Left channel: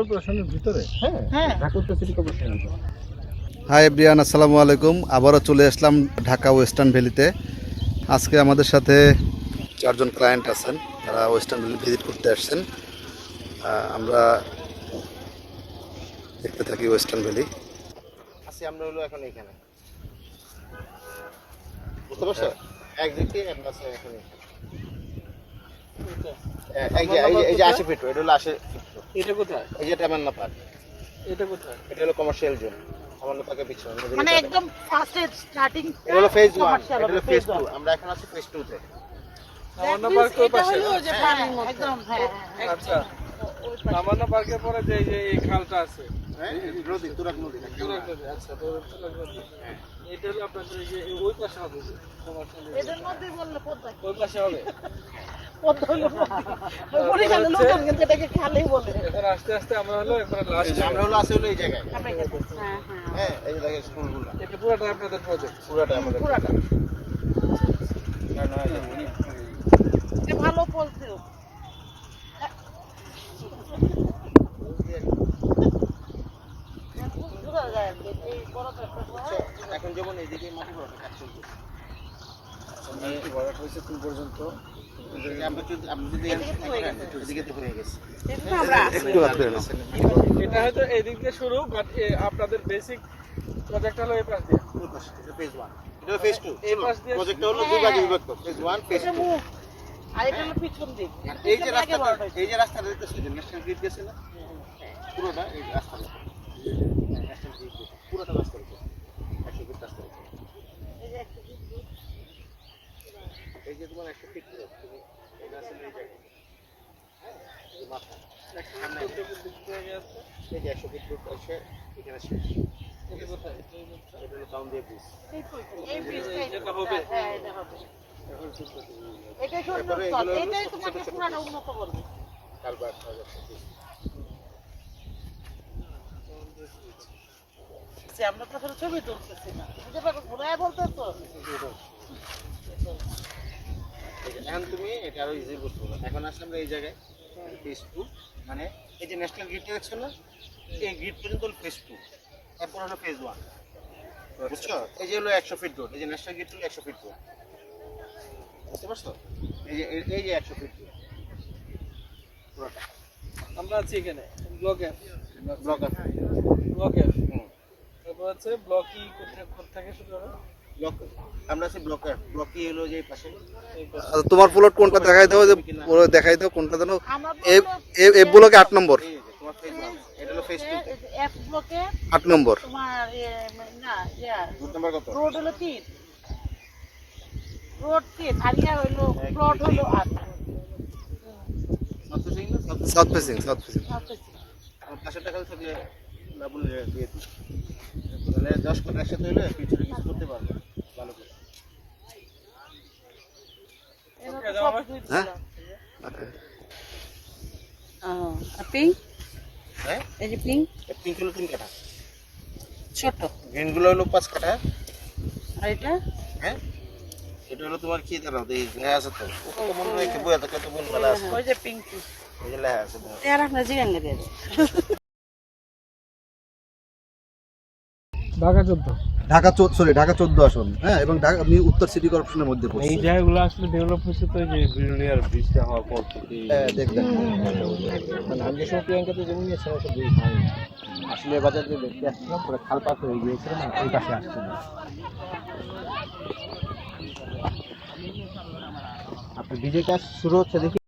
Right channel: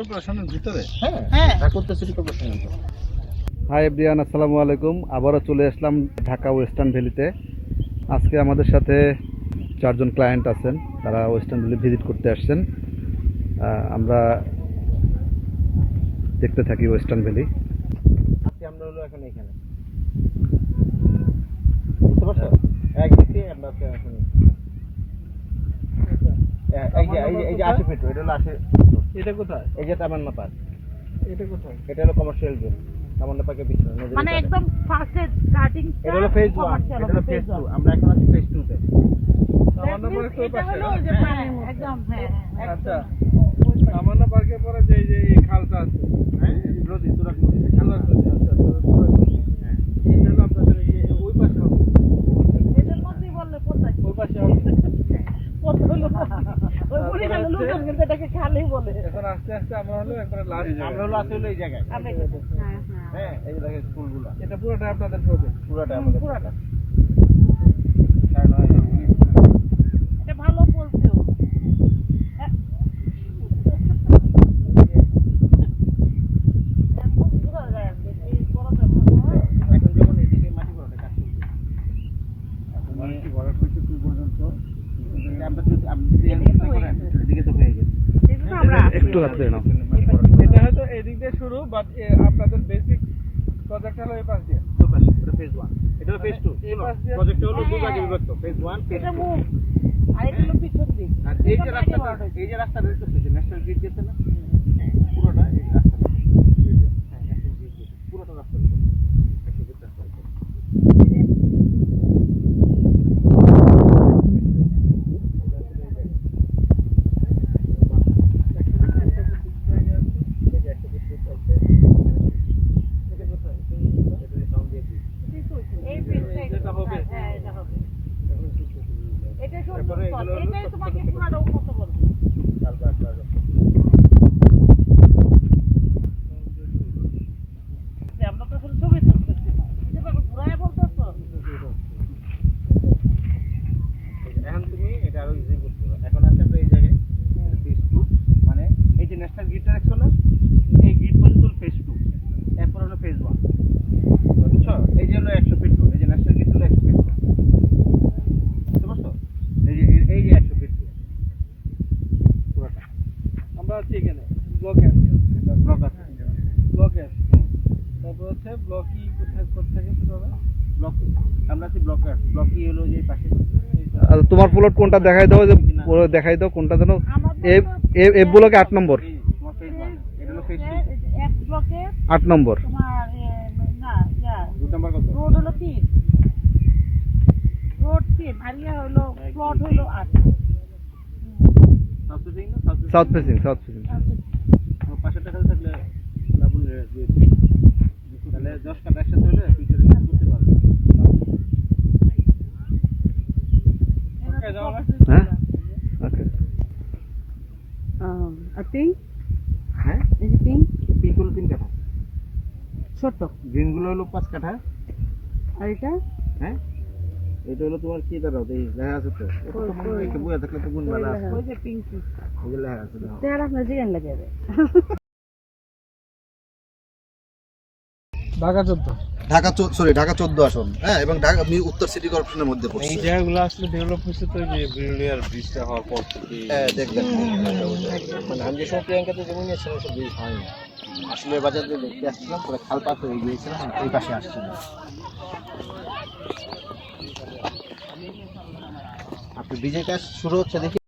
কর্পোরেশনের ভিতরে। হ্যাঁ ঢাকা উত্তর সিটি কর্পোরেশনের ভিতরে। হাই এভরিওয়ান, আসসালামু আলাইকুম। আবারও চলে আসলাম ঢাকা ওয়েস্টার্ন ভ্যালিতে। আজকে আমাদের সাথে 4 জন ক্লায়েন্ট আছেন, তারা ওয়েস্টার্ন ভ্যালি ভিজিট করতে আসছেন। আমরা দেখতে থাকি ওয়েস্টার্ন ভ্যালি। আছি আমরা হলো এখন এখানে, বুঝতে পারছো? একদিকে আমরা আছে এখন এই যে 80 ফিট, এটা হলো 80। এটা কোথায়? এই যে তামান্না পার্ক, এটা কোথায়? এটা হলো কমার্শিয়াল জোন। তামান্না পার্কের পিছনে মানে একদম ফার্স্ট স্টার্টিং এটা হলো ফেজ 1, এটা হলো ফেজ 2। আমরা এখন আছি ফেজ 2 তে। তামান্না পার্ক কোন পাশে? যে পানির মধ্যে একদম আচ্ছা, তামান্না পার্কের পরে যে এই খালটা আছে, হ্যাঁ নদী, তুরাগ নদী। তুরাগ নদী। আচ্ছা, তুরাগ নদী। হ্যাঁ, এটা হলো আপনাদের এই যে ওই পাশে হবে। এটার মধ্যেই বললে কোথায় ওই পাশে হবে। কোথায় হলো ওই পরিখানে লোকজন কিন্তু এটাকে খালি বলে। এখন আস্তে আস্তে আমরা হলো একবারে লাস্ট। আমরা হলো আছে হলো এই জায়গায়। আমরা এখানে হ্যাঁ হ্যাঁ, এই যে দেখেন স্কুলগুলো, এটা পুরোটা আপনাদের প্রজেক্ট। পুরোটা আমাদের। পুরাটা কারণ এটা ভালো বলতেও এই বড়টা এখন যেমন এইদিকে মাটি ভরাটের কাজ চলছে। মাটি ভরাট হয়েছে তুই পর্যন্ত। আপনি যদি এদিকে তো হয়ে গেছে। এটা আমরা একটু হাত করে নাও। এটা হয়তো এই দিক দিয়ে শুরু, বাট আপনাদের বেসিক প্রজেক্ট হলো এই পাশ দিয়ে। এটা ফেজ 1, এটা হলো ফেজ 2। এই পাশ দিয়ে প্রজেক্টটা হলো দুই ভাগে বিভক্ত, ফেজ 1 ফেজ 2। মুখ আর এটা হলো পিছন দিক। আর এই যে রাস্তাটা, এই যে রাস্তাটা দেখতেছো, যে ন্যাশনাল গ্রিড গেছে না, পুরোটা এই রাস্তাটা, ন্যাশনাল গ্রিড গেছে পুরোটা রাস্তার উপর, 100 ফিট রাস্তার উপর। এটা আসলে এই জায়গা, এই যে 100 ফিট রোড আছে, এখানে শেষ। এটা কোথায়? এটা হলো টাউন দিয়ে ব্রিজ। এই ব্রিজটা এটা হবে। হ্যাঁ এটা হবে। এটা সুন্দর তারপরে স্থল। এগুলো হলো এটাই ছোট তোমাকে ছোট পুরাটা উন্নত করবে। Culvert plaza. আমরা তো আসলে ছবি তুলতেছি না। যেভাবে ঘুরায় বলতেছো এখন তুমি এটা আরো ইজি করতে পারো। এখন আসলে আমরা এই জায়গায় ফেজ 2, মানে এই যে ন্যাশনাল গ্রিডটা দেখছো না, এই গ্রিড পর্যন্ত ফেজ 2, এরপর হলো ফেজ 1। বুঝছো? এই যে হলো 100 ফিট রোড, এই যে ন্যাশনাল গ্রিড হলো 100 ফিট রোড, বুঝতে পারছো? এই যে 100 ফিট রোড পুরোটা আমরা আছি এখানে ব্লক এফ। ব্লক আছে। ব্লক এফ, তারপর হচ্ছে ব্লক ই কোথা থেকে শুরু হবে? ব্লক, আমরা আছি ব্লক এফ। ব্লক ই হলো যে এই পাশে। আচ্ছা, তোমার প্লট কোনটা দেখাই দাও, যে পুরো দেখাই দাও কোনটা জানো। আমরা এফ ব্লকে 8 নম্বর। এই যে তোমার ফেজ 1, এটা হলো ফেজ 2 তে। এফ ব্লকে 8 নম্বর। তোমার না রুট নাম্বার কত? রোড হলো 3, রোড 3 আর ইয়ার হলো প্লট হলো 8। সাউথ ফেসিং না? South facing, south facing. আমার পাশের টাকা থাকলে ডাবল দিয়ে দিই। তাহলে 10 কাটা একসাথে হলে ফিউচারে কিছু করতে পারবে। হ্যাঁ ওকে। পিঙ্ক হ্যাঁ, এই যে পিঙ্ক এই পিঙ্ক হলো 3 কাঠা, ছোট গ্রিন গুলো হলো 5 কাঠা। আর এটা হ্যাঁ, এটা হলো তোমার কি দাঁড়াও, এই লেখা আছে তো, ওটা তো মনে রেখে বইয়া থাকলে তো ভুল মেলা আছে। ওই যে পিঙ্ক এই যে লেখা আছে দাও। তেরা আপনার জিগান লাগে ঢাকা 14। ঢাকা 14 আসন। হ্যাঁ, এবং ঢাকা আমি উত্তর সিটি কর্পোরেশনের মধ্যে এই পড়ছি। জায়গাগুলো আসলে ডেভেলপ হয়েছে তো, যে ব্রিলিয়ার ব্রিজটা হওয়ার পর থেকে। হ্যাঁ, দেখবেন। মানে আমি যে সময় প্রিয়াঙ্কাতে জমি নিয়েছিলাম সব ব্রিজ হয়নি। আসলে বাজার দিয়ে দেখতে আসছিলাম, পুরো খাল পাত হয়ে গিয়েছিল, মানে এই পাশে আসছিল। আপনি ব্রিজের কাজ শুরু হচ্ছে দেখি।